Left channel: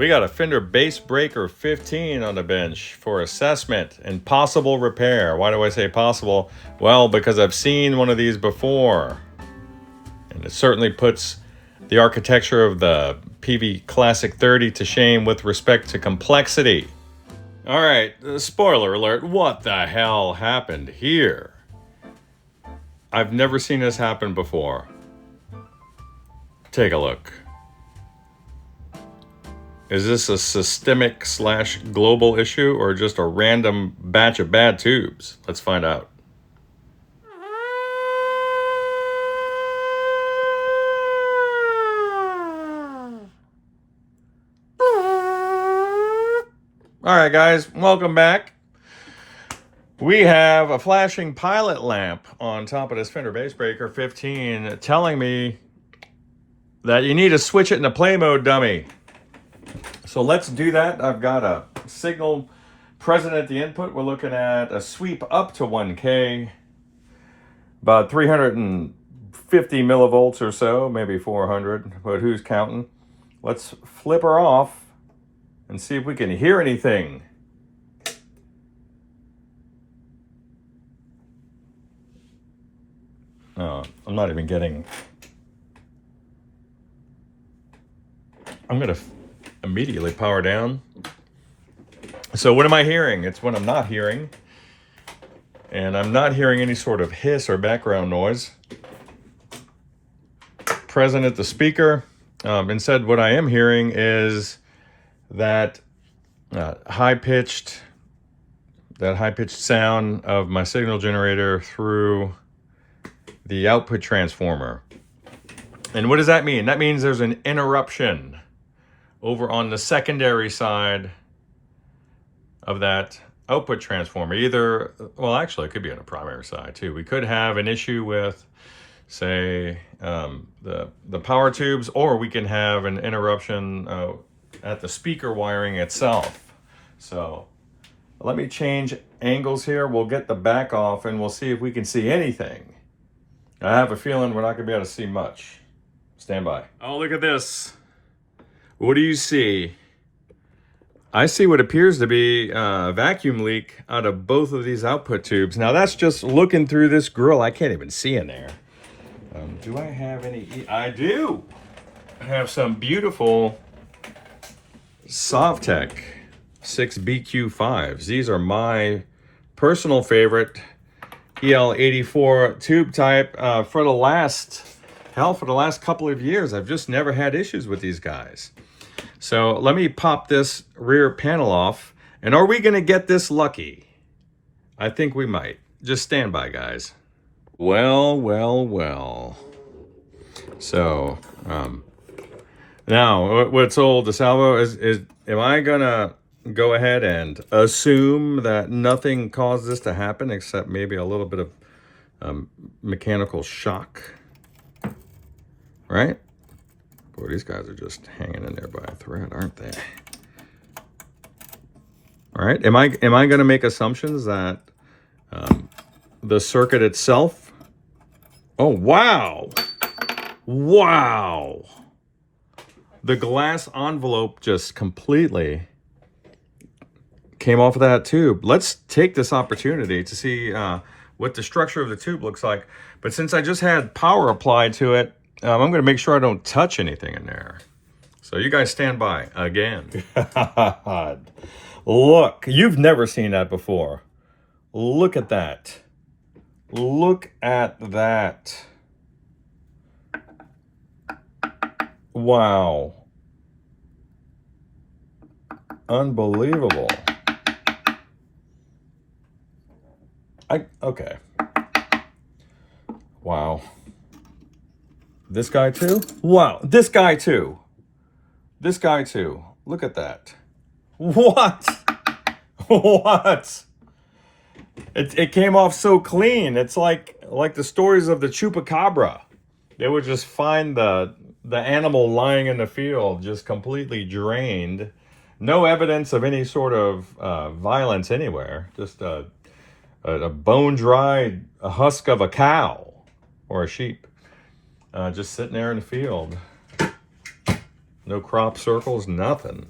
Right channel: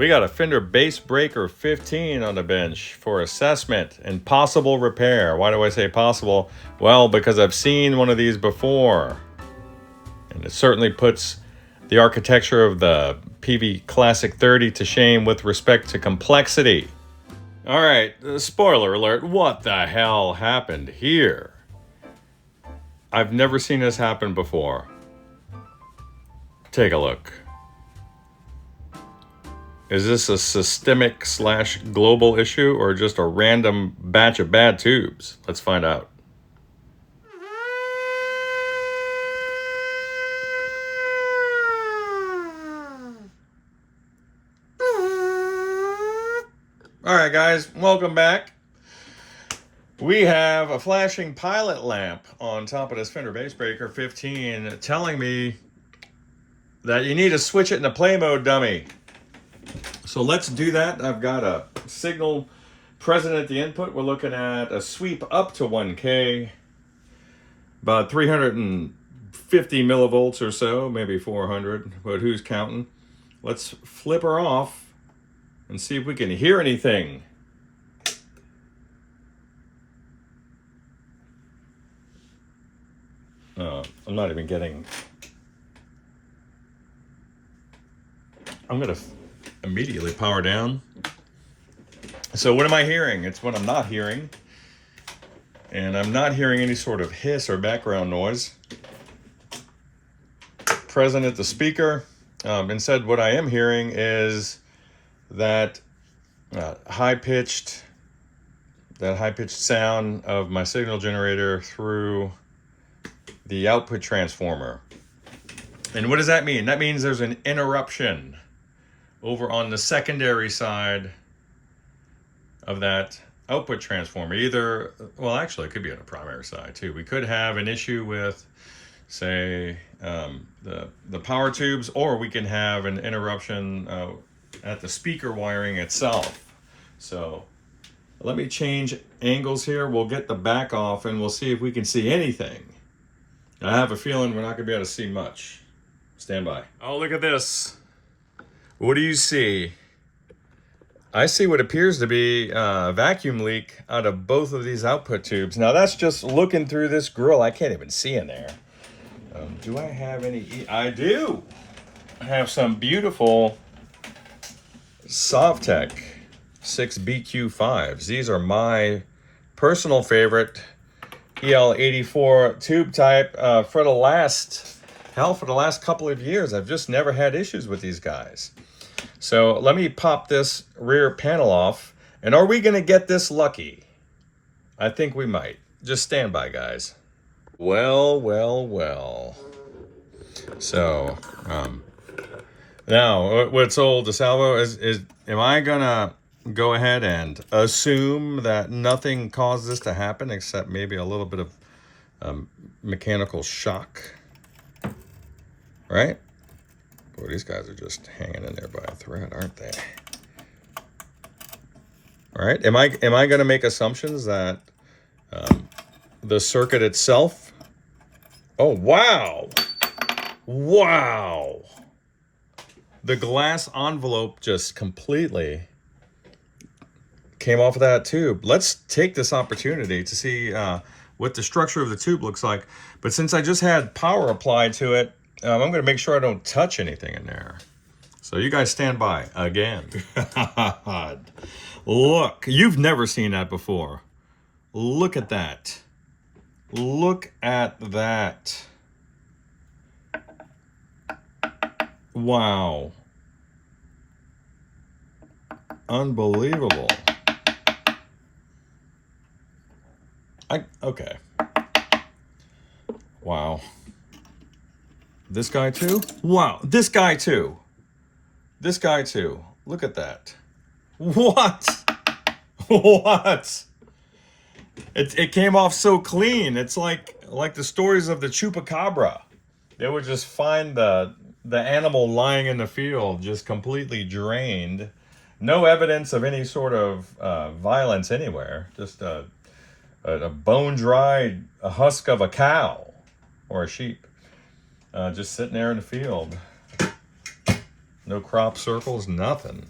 We got a Fender Bassbreaker 15 on the bench for assessment and possible repair. Why do I say possible? Well, because I've seen one of these before. And it certainly puts the architecture of the PV Classic 30 to shame with respect to complexity. All right, spoiler alert, what the hell happened here? I've never seen this happen before. Take a look. Is this a systemic / global issue or just a random batch of bad tubes? Let's find out. All right, guys, welcome back. We have a flashing pilot lamp on top of this Fender Bassbreaker 15 telling me that you need to switch it into play mode, dummy. So let's do that. I've got a signal present at the input. We're looking at a sweep up to 1K, about 350 millivolts or so, maybe 400, but who's counting? Let's flip her off and see if we can hear anything. Oh, I'm not even getting... I'm going to immediately power down. So what am I hearing? It's what I'm not hearing. And I'm not hearing any sort of hiss or background noise present at the speaker. Instead, what I am hearing is that high-pitched sound of my signal generator through the output transformer. And what does that mean? That means there's an interruption over on the secondary side of that output transformer. Either, well, actually it could be on the primary side too. We could have an issue with, say, the power tubes, or we can have an interruption at the speaker wiring itself. So let me change angles here. We'll get the back off and we'll see if we can see anything. I have a feeling we're not gonna be able to see much. Stand by. Oh, look at this. What do you see? I see what appears to be a vacuum leak out of both of these output tubes. Now that's just looking through this grill. I can't even see in there. Do I have any? I do. I have some beautiful Sovtech 6BQ5s. These are my personal favorite EL84 tube type for the last couple of years. I've just never had issues with these guys. So let me pop this rear panel off. And are we gonna get this lucky? I think we might. Just stand by, guys. Well. So, now what's old DeSalvo is am I gonna go ahead and assume that nothing caused this to happen except maybe a little bit of mechanical shock, right? Boy, these guys are just hanging in there by a thread, aren't they? All right, am I gonna make assumptions that the circuit itself, oh wow, the glass envelope just completely came off of that tube. Let's take this opportunity to see what the structure of the tube looks like. But since I just had power applied to it, I'm going to make sure I don't touch anything in there. So you guys stand by again. Look, you've never seen that before. Look at that. Look at that. Wow. Unbelievable. Okay. Wow. This guy too? Wow. This guy too. This guy too. Look at that. What? What? It came off so clean. It's like the stories of the chupacabra. They would just find the animal lying in the field, just completely drained. No evidence of any sort of violence anywhere. Just a bone-dry husk of a cow or a sheep. Just sitting there in the field. No crop circles, nothing.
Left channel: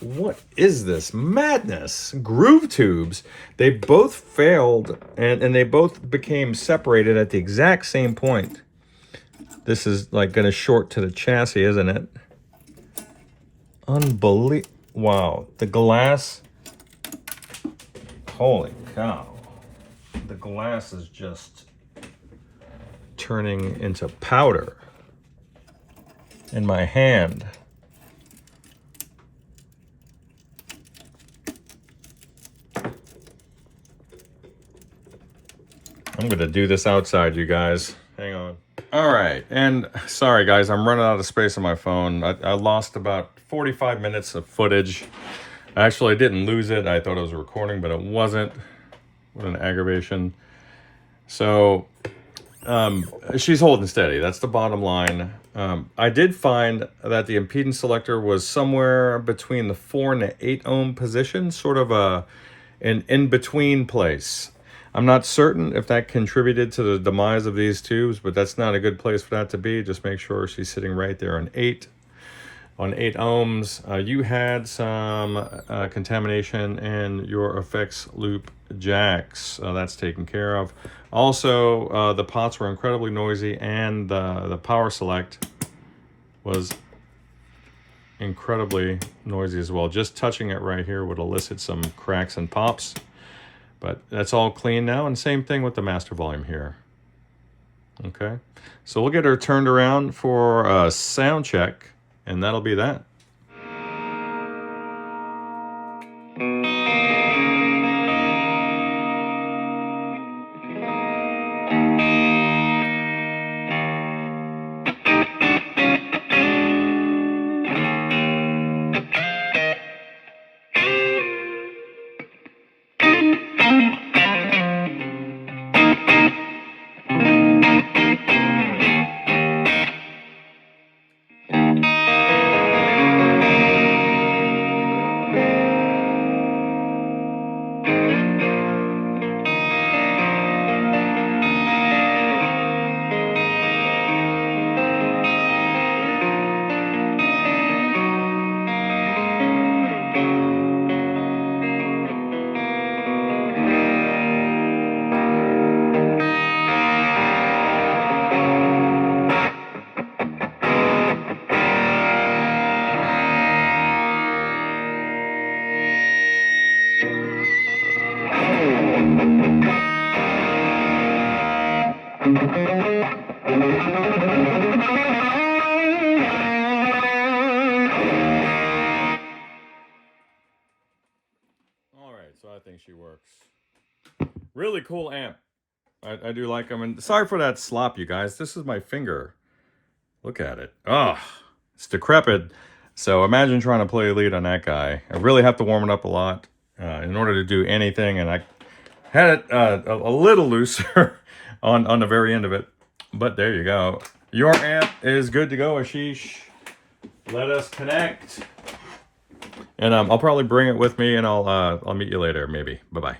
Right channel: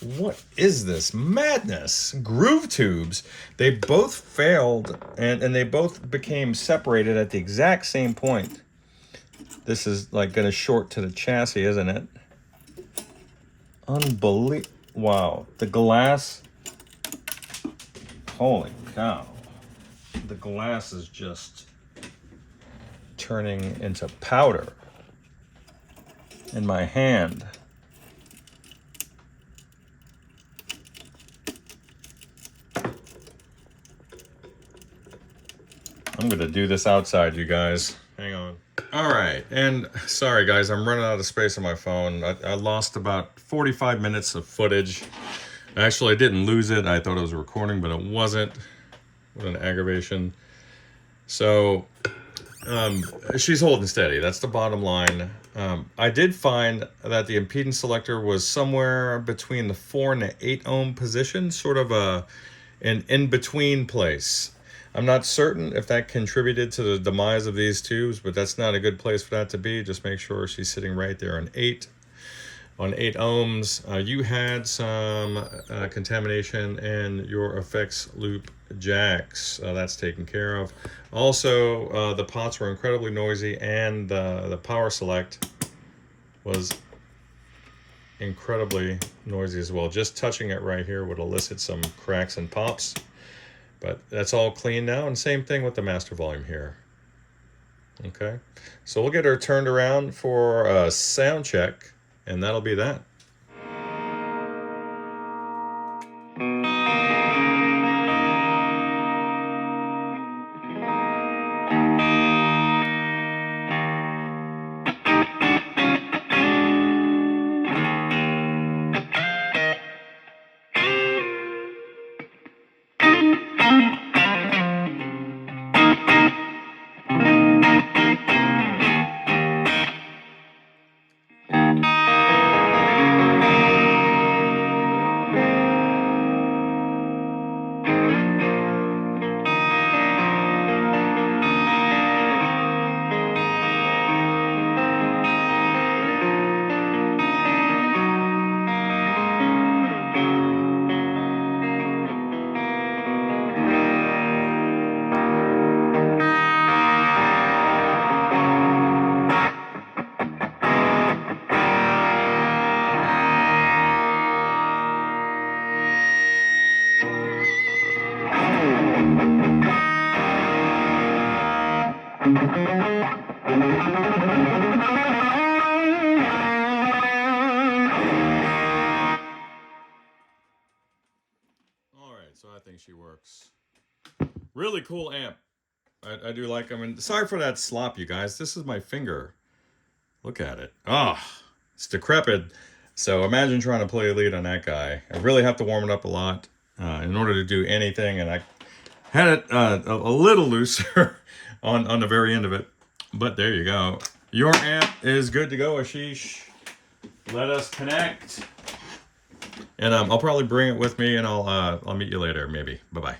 What is this madness? Groove tubes. They both failed and they both became separated at the exact same point. This is like going to short to the chassis, isn't it? Unbelievable. Wow. The glass. Holy cow. The glass is just turning into powder in my hand. I'm gonna do this outside, you guys. Hang on. All right, and sorry guys, I'm running out of space on my phone. I lost about 45 minutes of footage. Actually, I didn't lose it. I thought it was a recording, but it wasn't. What an aggravation. So, she's holding steady. That's the bottom line. I did find that the impedance selector was somewhere between the 4 and the 8 ohm position, sort of an in-between place. I'm not certain if that contributed to the demise of these tubes, but that's not a good place for that to be. Just make sure she's sitting right there on 8 ohms. You had some contamination in your effects loop jacks. That's taken care of. Also, the pots were incredibly noisy, and the power select was incredibly noisy as well. Just touching it right here would elicit some cracks and pops. But that's all clean now, and same thing with the master volume here. Okay, so we'll get her turned around for a sound check, and that'll be that. So I think she works. Really cool amp. I do like them. And sorry for that slop, you guys. This is my finger. Look at it. Oh, it's decrepit. So imagine trying to play a lead on that guy. I really have to warm it up a lot in order to do anything. And I had it a little looser on the very end of it. But there you go. Your amp is good to go, Ashish. Let us connect. And I'll probably bring it with me, and I'll meet you later, maybe. Bye-bye.